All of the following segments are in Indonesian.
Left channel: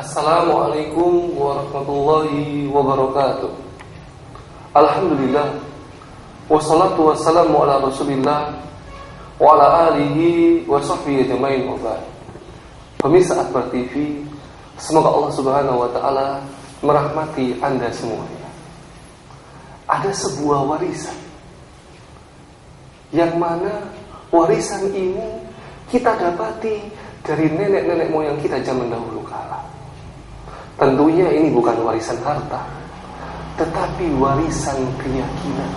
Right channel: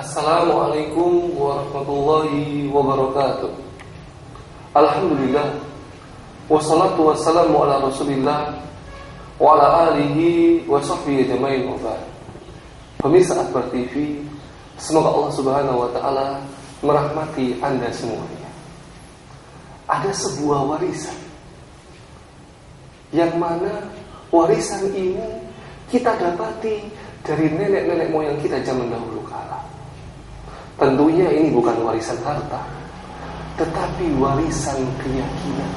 Assalamualaikum warahmatullahi wabarakatuh. Alhamdulillah, wassalatu wassalamu ala rasulillah wa ala alihi wa sahbihi ajma'in wa ba'd. Pemirsa Akbar TV, semoga Allah subhanahu wa ta'ala merahmati Anda semuanya. Ada sebuah warisan, yang mana warisan ini kita dapati dari nenek-nenek moyang kita zaman dahulu kala. Tentunya ini bukan warisan harta, tetapi warisan keyakinan,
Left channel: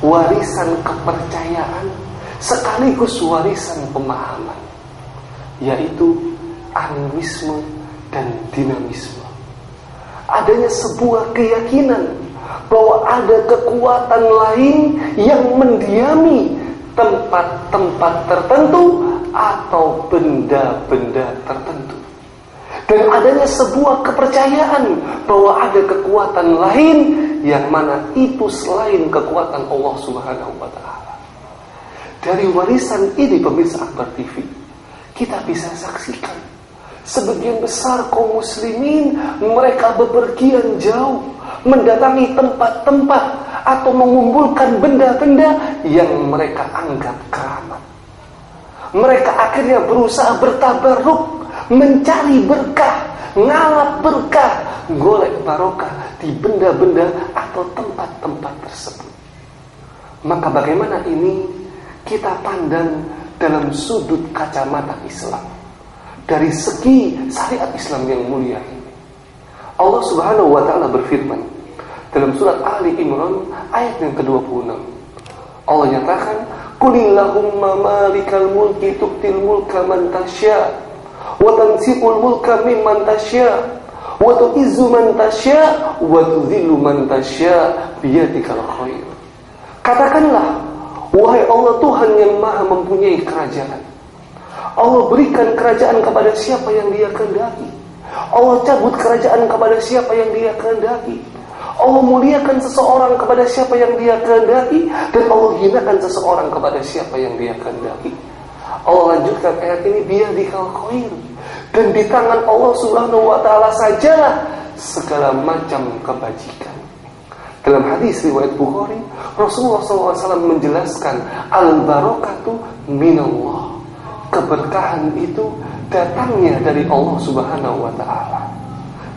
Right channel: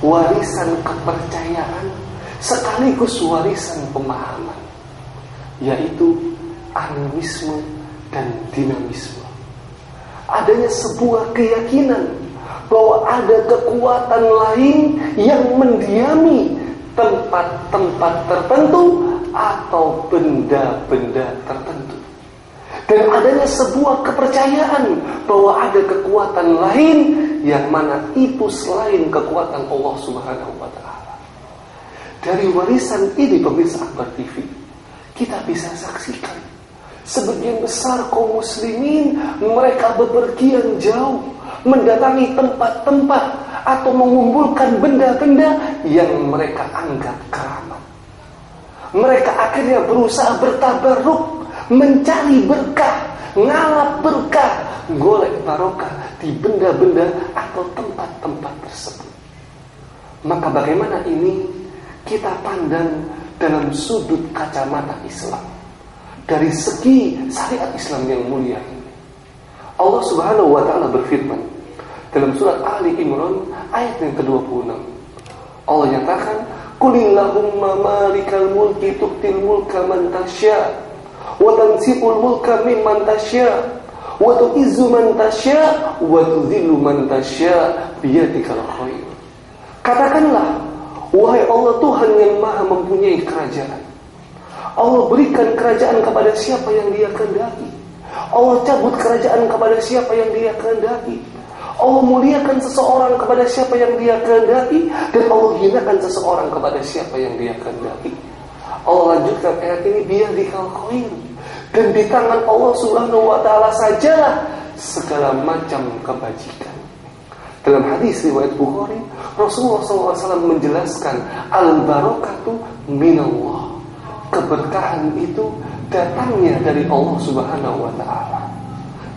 warisan kepercayaan, sekaligus warisan pemahaman, yaitu animisme dan dinamisme. Adanya sebuah keyakinan bahwa ada kekuatan lain yang mendiami tempat-tempat tertentu atau benda-benda tertentu. Dan adanya sebuah kepercayaan bahwa ada kekuatan lain yang mana itu selain kekuatan Allah Subhanahu wa ta'ala. Dari warisan ini pemirsa Akbar TV, kita bisa saksikan sebagian besar kaum muslimin mereka bepergian jauh mendatangi tempat-tempat atau mengumpulkan benda-benda yang mereka anggap keramat. Mereka akhirnya berusaha bertabarruk, mencari berkah, ngalap berkah, golek barokah di benda-benda atau tempat-tempat tersebut. Maka bagaimana ini kita pandang dalam sudut kacamata Islam, dari segi syariat Islam yang mulia ini. Allah Subhanahu wa ta'ala berfirman dalam surat Ali Imran ayat yang ke-26. Allah nyatakan, "Qulillahumma malikal mulki tu'til mulka man tasya' wa tanzi'ul mulka mimman tasya' wa tu'izzu man tasya' wa tudhillu man tasya' biyadikal khair." Katakanlah, wahai Allah Tuhan yang Maha mempunyai kerajaan. Allah berikan kerajaan kepada siapa yang Dia kehendaki. Allah cabut kerajaan kepada siapa yang Dia kehendaki. Allah muliakan seseorang kepada siapa yang Dia kehendaki, dan Allah hinakan seseorang kepada siapa yang Dia kehendaki. Allah lanjutkan ayat ini, biyadikal khair, dan di tangan Allah Subhanahu wa ta'ala sajalah segala macam kebajikan. Dalam hadis riwayat Bukhari, Rasulullah SAW menjelaskan, al-barakatu minallah, keberkahan itu datangnya dari Allah Subhanahu wa ta'ala.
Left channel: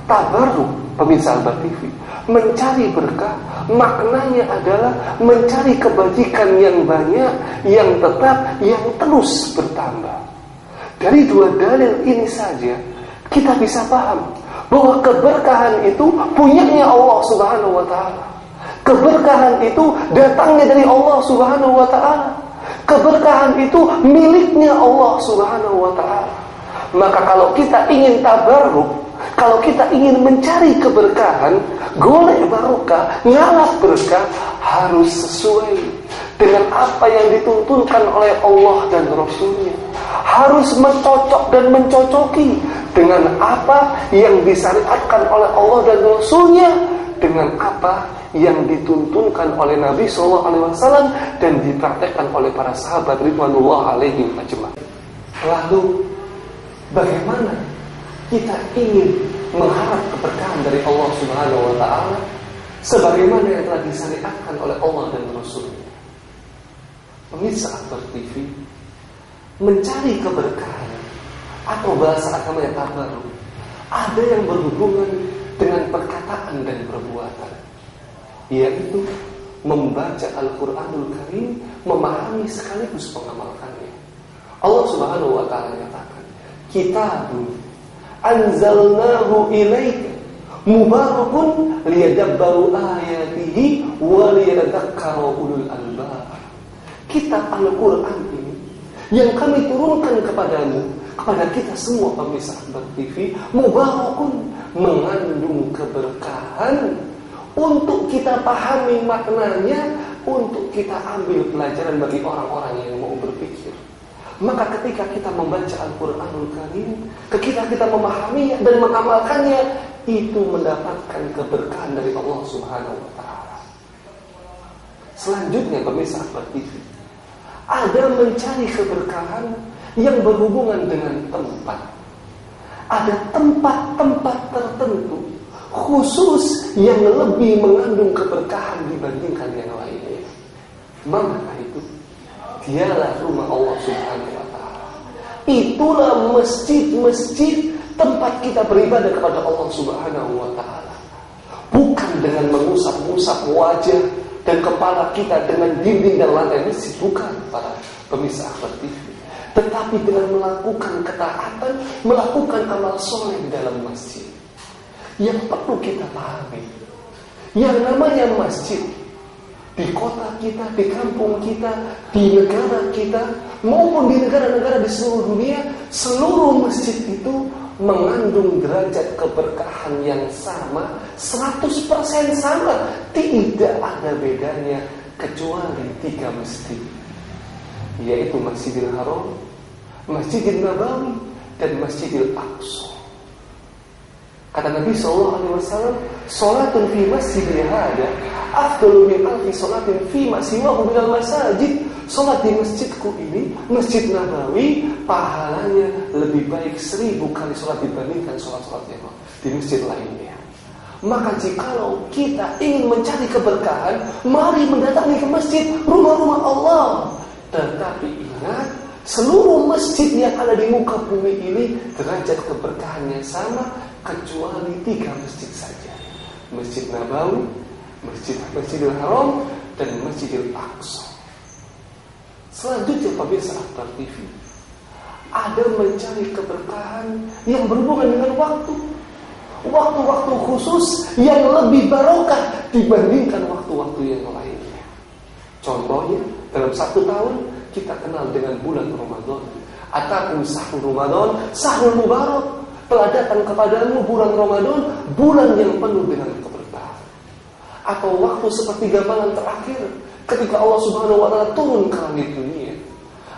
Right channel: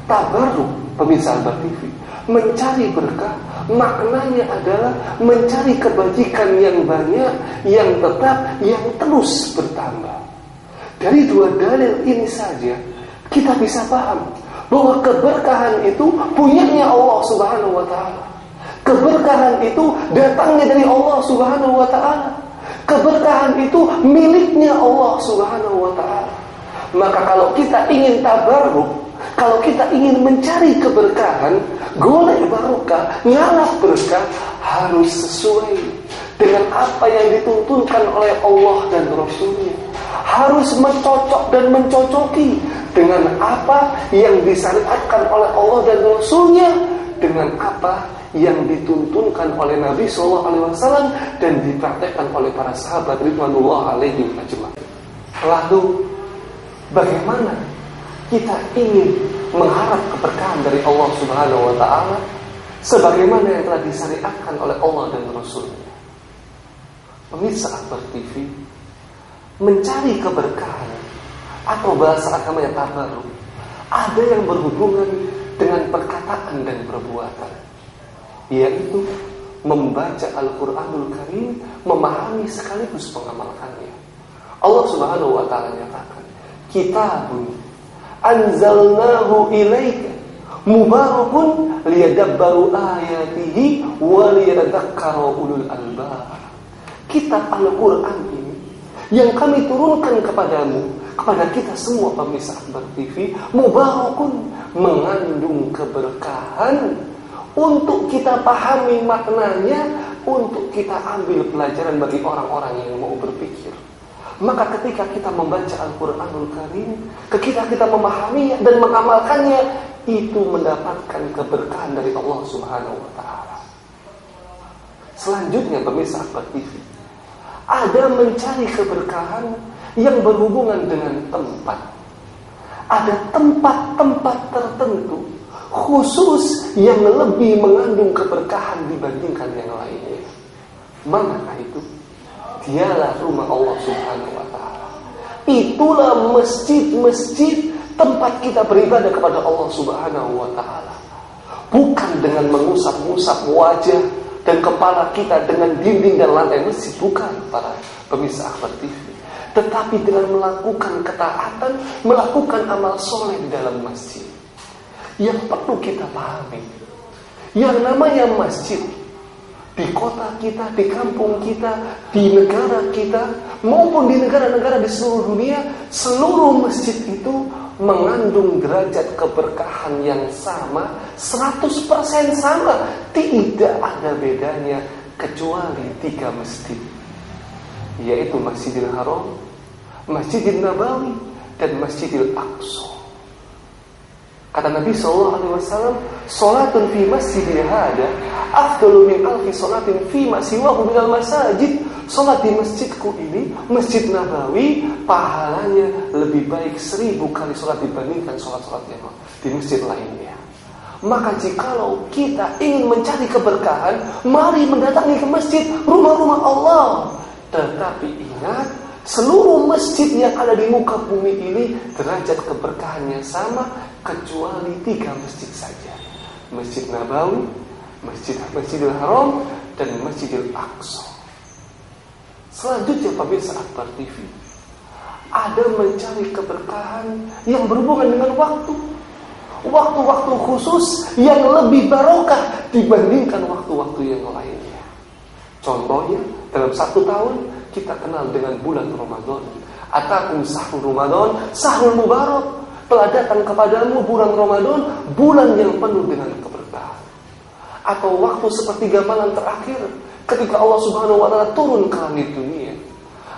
Tabarruk, pemirsa Akbar TV, mencari berkah, maknanya adalah mencari kebajikan yang banyak, yang tetap, yang terus bertambah. Dari dua dalil ini saja kita bisa paham bahwa keberkahan itu punyanya Allah Subhanahu wa ta'ala. Keberkahan itu datangnya dari Allah Subhanahu wa ta'ala. Keberkahan itu miliknya Allah Subhanahu wa ta'ala. Maka kalau kita ingin tabarruk, kalau kita ingin mencari keberkahan, golek barokah, ngalap berkah, harus sesuai dengan apa yang dituntunkan oleh Allah dan Rasulnya. Harus mencocok dan mencocoki dengan apa yang disyariatkan oleh Allah dan Rasulnya, dengan apa yang dituntunkan oleh Nabi SAW dan dipraktekkan oleh para sahabat ridwanullah alaihim ajma'in. Lalu bagaimana kita ingin mengharap keberkahan dari Allah Subhanahu wa ta'ala sebagaimana yang telah disyariatkan oleh Allah dan Rasulnya? Pemirsa Akbar TV, mencari keberkahan atau bahasa agamanya tabarruk ada yang berhubungan dengan perkataan dan perbuatan, yaitu membaca Al-Quranul Karim, memahami sekaligus mengamalkannya. Allah Subhanahu wa ta'ala nyatakan, kitabun anzalnahu ilaika mubarakun liyadabbaru ayatihi wa liyadhakkaru ulul albab. Kitab Al-Quran ini yang kami turunkan kepadamu, kepada kita semua pemirsa Akbar TV, mubarakun, mengandung keberkahan, untuk kita pahami maknanya, untuk kita ambil pelajaran bagi orang-orang yang mau berpikir. Maka ketika kita membaca Al-Quranul Karim, ketika kita memahaminya dan mengamalkannya, itu mendapatkan keberkahan dari Allah Subhanahu wa ta'ala. Selanjutnya pemirsa Akbar TV, ada mencari keberkahan yang berhubungan dengan tempat. ada tempat-tempat tertentu khusus yang lebih mengandung keberkahan dibandingkan yang lainnya. Manakah itu? Dialah rumah Allah Subhanahu wa ta'ala. Itulah masjid-masjid tempat kita beribadah kepada Allah Subhanahu wa ta'ala. Bukan dengan mengusap-ngusap wajah dan kepala kita dengan dinding dan lantai masjid, bukan para pemirsa Akbar TV. Tetapi dengan melakukan ketaatan, melakukan amal soleh di dalam masjid. Yang perlu kita pahami, yang namanya masjid di kota kita, di kampung kita, di negara kita, maupun di negara-negara di seluruh dunia, seluruh masjid itu mengandung derajat keberkahan yang sama, 100% sama. Tidak ada bedanya kecuali 3 masjid, yaitu Masjidil Haram, Masjidil Nabawi, dan Masjidil Aqsa. Kata Nabi SAW, "Salatun fi masjidil hada afdalu min alfi salatin fi ma siwahu minal masajid." Salat di masjidku ini, Masjid Nabawi, pahalanya lebih baik 1000 kali salat dibandingkan salat-salat yang di masjid lainnya. Maka jikalau kita ingin mencari keberkahan, mari mendatangi ke masjid, rumah-rumah Allah. Tetapi ingat, seluruh masjid yang ada di muka bumi ini derajat keberkahannya sama, kecuali 3 masjid saja: Masjid Nabawi, Masjidil Haram, dan Masjidil Aqsa. Selanjutnya pemirsa Akbar TV, ada mencari keberkahan yang berhubungan dengan waktu-waktu khusus yang lebih barokah dibandingkan waktu-waktu yang lainnya. Contohnya, dalam 1 tahun kita kenal dengan bulan Ramadan. Atakum sahrul Ramadan, sahrul mubarak. Telah datang kepadamu bulan Ramadan, bulan yang penuh dengan keberkahan. Atau waktu sepertiga malam terakhir ketika Allah Subhanahu wa ta'ala turun ke langit dunia.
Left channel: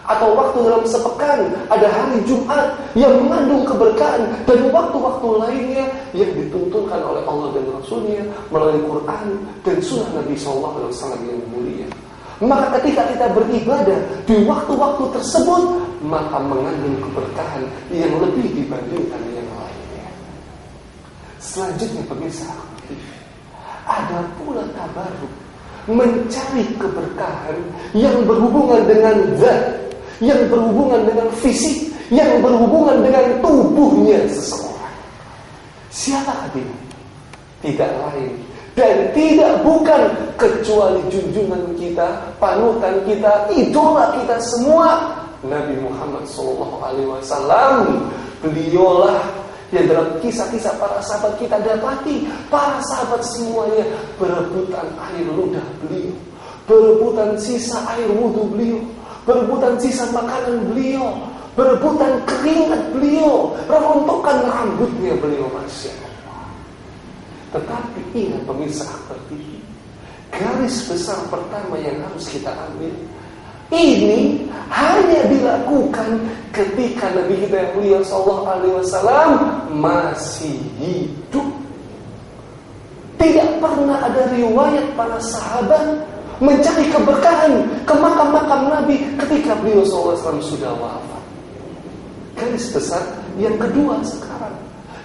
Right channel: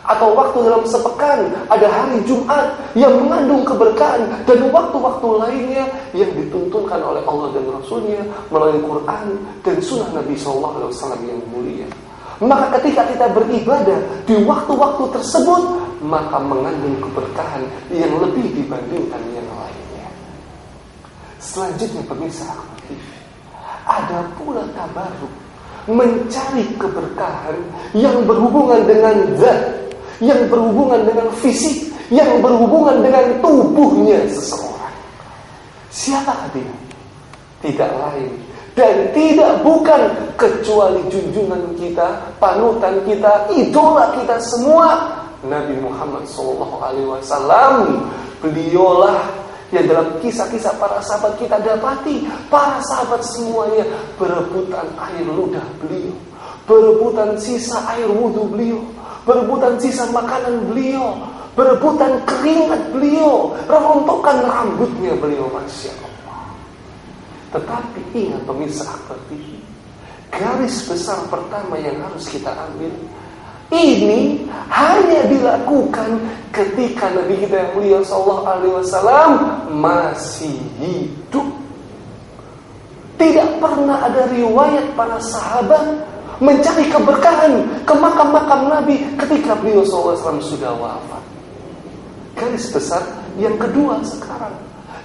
Atau waktu dalam sepekan ada hari Jumat yang mengandung keberkahan, dan waktu-waktu lainnya yang dituntunkan oleh Allah dan Rasulnya melalui Quran dan Sunnah Nabi SAW yang mulia. Maka ketika kita beribadah di waktu-waktu tersebut, maka mengandung keberkahan yang lebih dibandingkan yang lainnya. Selanjutnya pemirsa, ada pula tabarruk, mencari keberkahan yang berhubungan dengan zat, yang berhubungan dengan fisik, yang berhubungan dengan tubuhnya seseorang. Siapakah dia? Tidak lain dan tidak bukan kecuali junjungan kita, panutan kita, idola kita semua, Nabi Muhammad SAW. Beliaulah yang dalam kisah-kisah para sahabat kita dapati, para sahabat semuanya berebutan air ludah beliau, berebutan sisa air wudhu beliau, berebutan sisa makanan beliau, berebutan keringat beliau, rontokan rambutnya beliau, Masya Allah. Tetapi ingat pemirsa Akbar TV, garis besar pertama yang harus kita ambil, ini hanya dilakukan ketika Nabi kita yang mulia sallallahu alaihi wasallam masih hidup. Tidak pernah ada riwayat para sahabat mencari keberkahan ke makam-makam Nabi ketika beliau sallallahu alaihi wasallam sudah wafat. Garis besar yang kedua sekarang,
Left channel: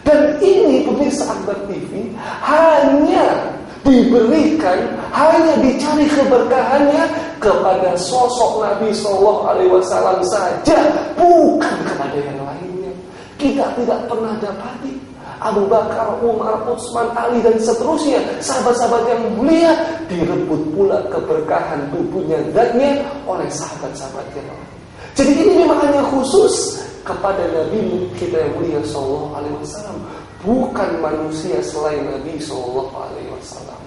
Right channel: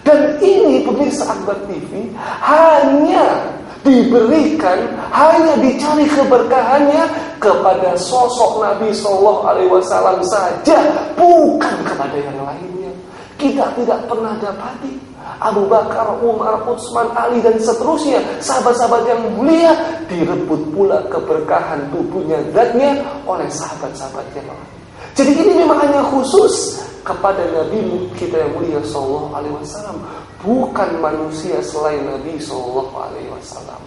dan ini pemirsa Akbar TV hanya diberikan, hanya dicari keberkahannya kepada sosok Nabi Sallallahu Alaihi Wasallam saja, bukan kepada yang lainnya. Kita tidak pernah dapati Abu Bakar, Umar, Utsman, Ali dan seterusnya, sahabat-sahabat yang mulia, direbut pula keberkahan tubuhnya, zatnya oleh sahabat-sahabat yang lain. Jadi ini memang hanya khusus kepada Nabi kita yang mulia Sallallahu Alaihi Wasallam, bukan manusia selain Nabi Sallallahu Alaihi Wasallam.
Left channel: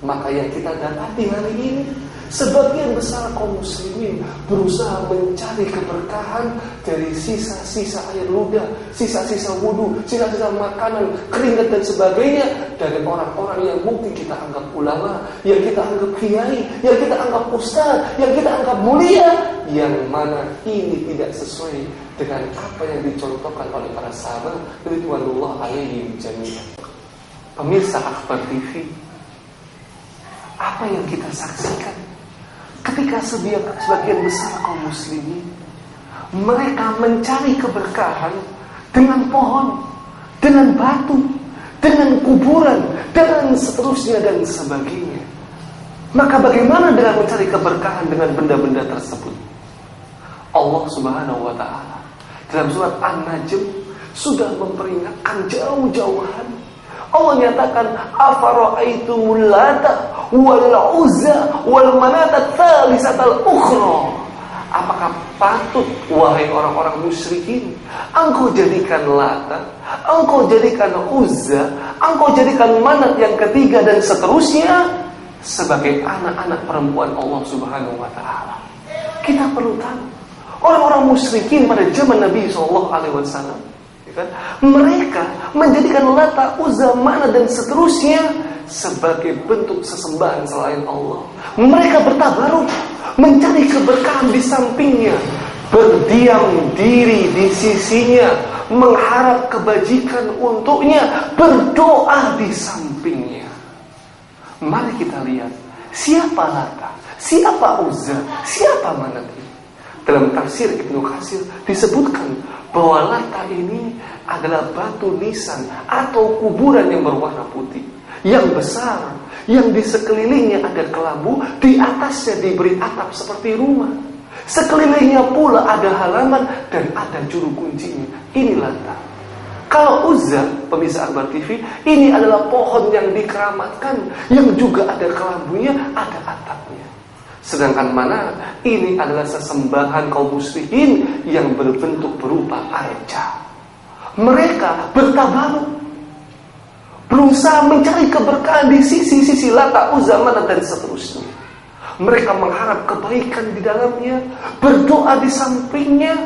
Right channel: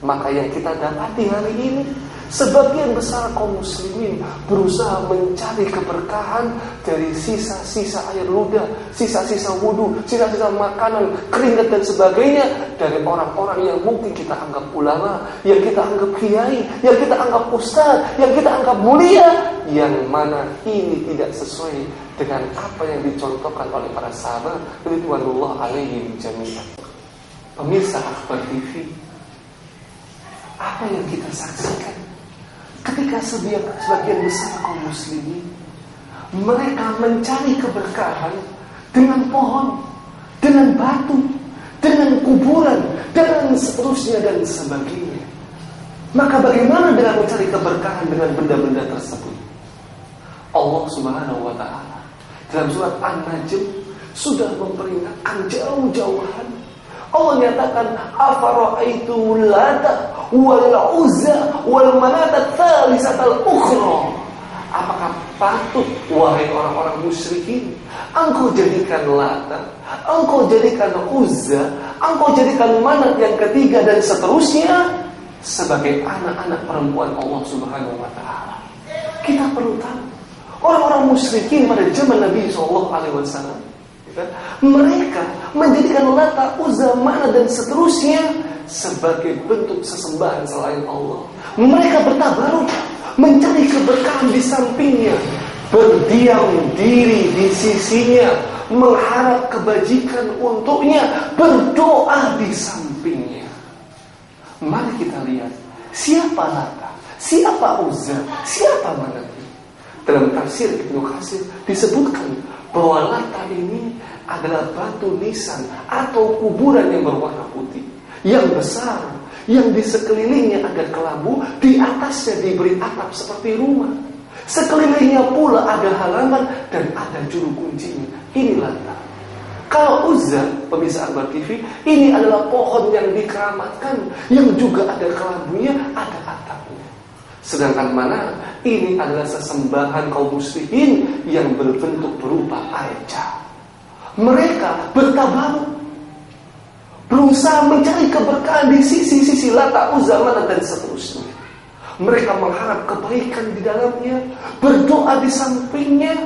Maka yang kita dapati hari ini, sebagian besar kaum muslimin berusaha mencari keberkahan dari sisa-sisa air ludah, sisa-sisa wudu, sisa-sisa makanan, keringat dan sebagainya dari orang-orang yang mungkin kita anggap ulama, yang kita anggap kiai, yang kita anggap ustaz, yang kita anggap mulia, yang mana ini tidak sesuai dengan apa yang dicontohkan oleh para sahabat ridwanullah alaihim jami'an. Pemirsa Akbar TV, apa yang kita saksikan ketika sebagian besar kaum muslimin mereka mencari keberkahan dengan pohon, dengan batu, dengan kuburan, dan seterusnya dan sebagainya. Maka bagaimana dengan mencari keberkahan dengan benda-benda tersebut? Allah Subhanahu wa ta'ala dalam surat An-Najm sudah memperingatkan jauh-jauhan. Allah nyatakan, afara'aitumul lata wal uzza wal manata tsalisatal ukhra. Apakah patut wahai orang-orang musyrikin, engkau jadikan Lata, engkau jadikan Uzza, engkau jadikan Manat yang ketiga dan seterusnya sebagai anak-anak perempuan Allah Subhanahu wa ta'ala? Kita perlu tahu, orang-orang musyrikin pada zaman Nabi SAW, mereka menjadikan Lata, Uzza, Manat dan seterusnya sebagai bentuk sesembahan selain Allah. Mereka bertabaruk, mencari keberkahan di sampingnya, berdiam diri di sisinya, mengharap kebajikan untuknya, berdoa di sampingnya. Mari kita lihat, siapa Lata, siapa Uzza, siapa Manat ini. Dalam tafsir Ibnu Katsir disebutkan bahwa Lata ini adalah batu nisan atau kuburan yang berwarna putih, yang besar, yang di sekelilingnya ada kelabu, di atasnya diberi atap seperti rumah. Sekelilingnya pula ada halaman dan ada juru kuncinya. Ini Lata. Kalau Uzza, pemirsa Akbar TV, ini adalah pohon yang dikeramatkan, yang juga ada kelabunya, ada atapnya. Sedangkan Manat ini adalah sesembahan kaum musyrikin yang berbentuk berupa arca. Mereka bertabaruk, berusaha mencari keberkahan di sisi-sisi Lata, Uzza, Manat dan seterusnya. Mereka mengharap kebaikan di dalamnya, berdoa di sampingnya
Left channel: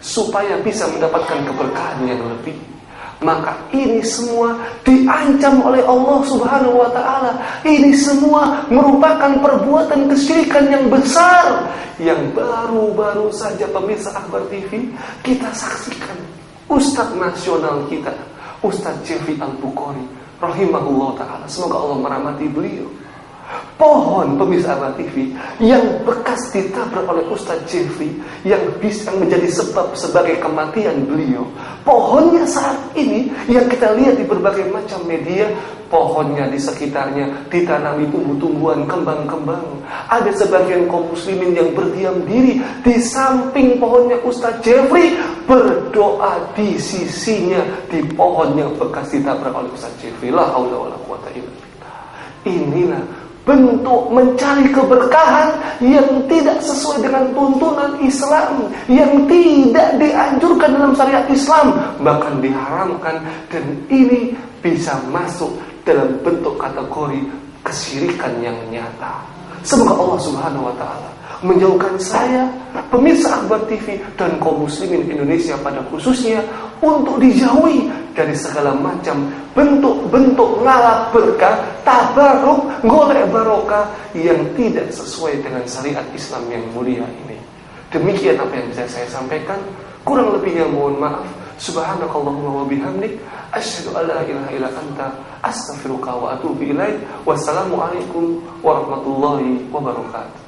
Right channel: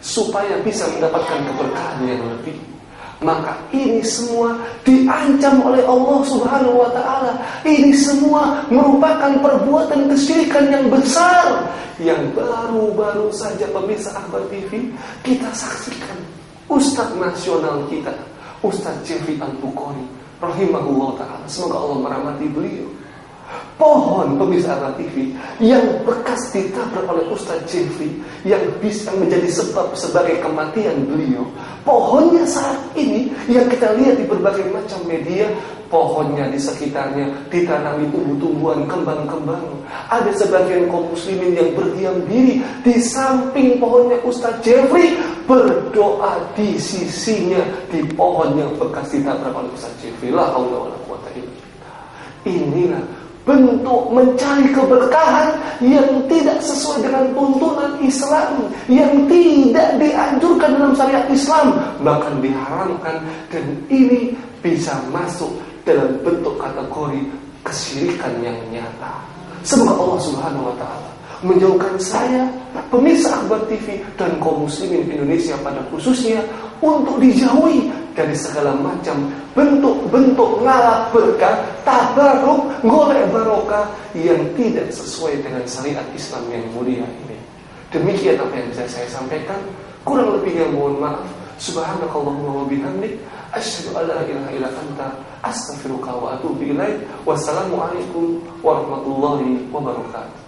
supaya bisa mendapatkan keberkahan yang lebih. Maka ini semua diancam oleh Allah Subhanahu wa ta'ala. Ini semua merupakan perbuatan kesyirikan yang besar, yang baru-baru saja pemirsa Akbar TV kita saksikan. Ustadz nasional kita, Ustadz Jeffrey Al-Bukhari rahimahullah ta'ala, semoga Allah merahmati beliau. Pohon pemirsa Akbar TV yang bekas ditabrak oleh Ustadz Jeffrey, yang bisa menjadi sebab sebagai kematian beliau. Pohonnya saat ini yang kita lihat di berbagai macam media, pohonnya di sekitarnya ditanami tumbuh-tumbuhan, kembang-kembang. Ada sebagian kaum muslimin yang berdiam diri di samping pohonnya Ustadz Jeffrey, berdoa di sisinya di pohon yang bekas ditabrak oleh Ustadz Jeffrey. La haula wala quwata illa billah. Inilah bentuk mencari keberkahan yang tidak sesuai dengan tuntunan Islam, yang tidak dianjurkan dalam syariat Islam, bahkan diharamkan, dan ini bisa masuk dalam bentuk kategori kesyirikan yang nyata. Semoga Allah Subhanahu wa ta'ala menjauhkan saya, pemirsa Akbar TV, dan kaum muslimin Indonesia pada khususnya untuk dijauhi dari segala macam bentuk-bentuk ngalap berkah, tabaruk, golek barokah yang tidak sesuai dengan syariat Islam yang mulia ini. Demikian apa yang bisa saya sampaikan. Kurang lebihnya mohon maaf. Subhanakallahumma wa bihamdik, asyhadu an la ilaha illa anta, astaghfiruka wa atubu ilaik. Wassalamualaikum warahmatullahi wabarakatuh.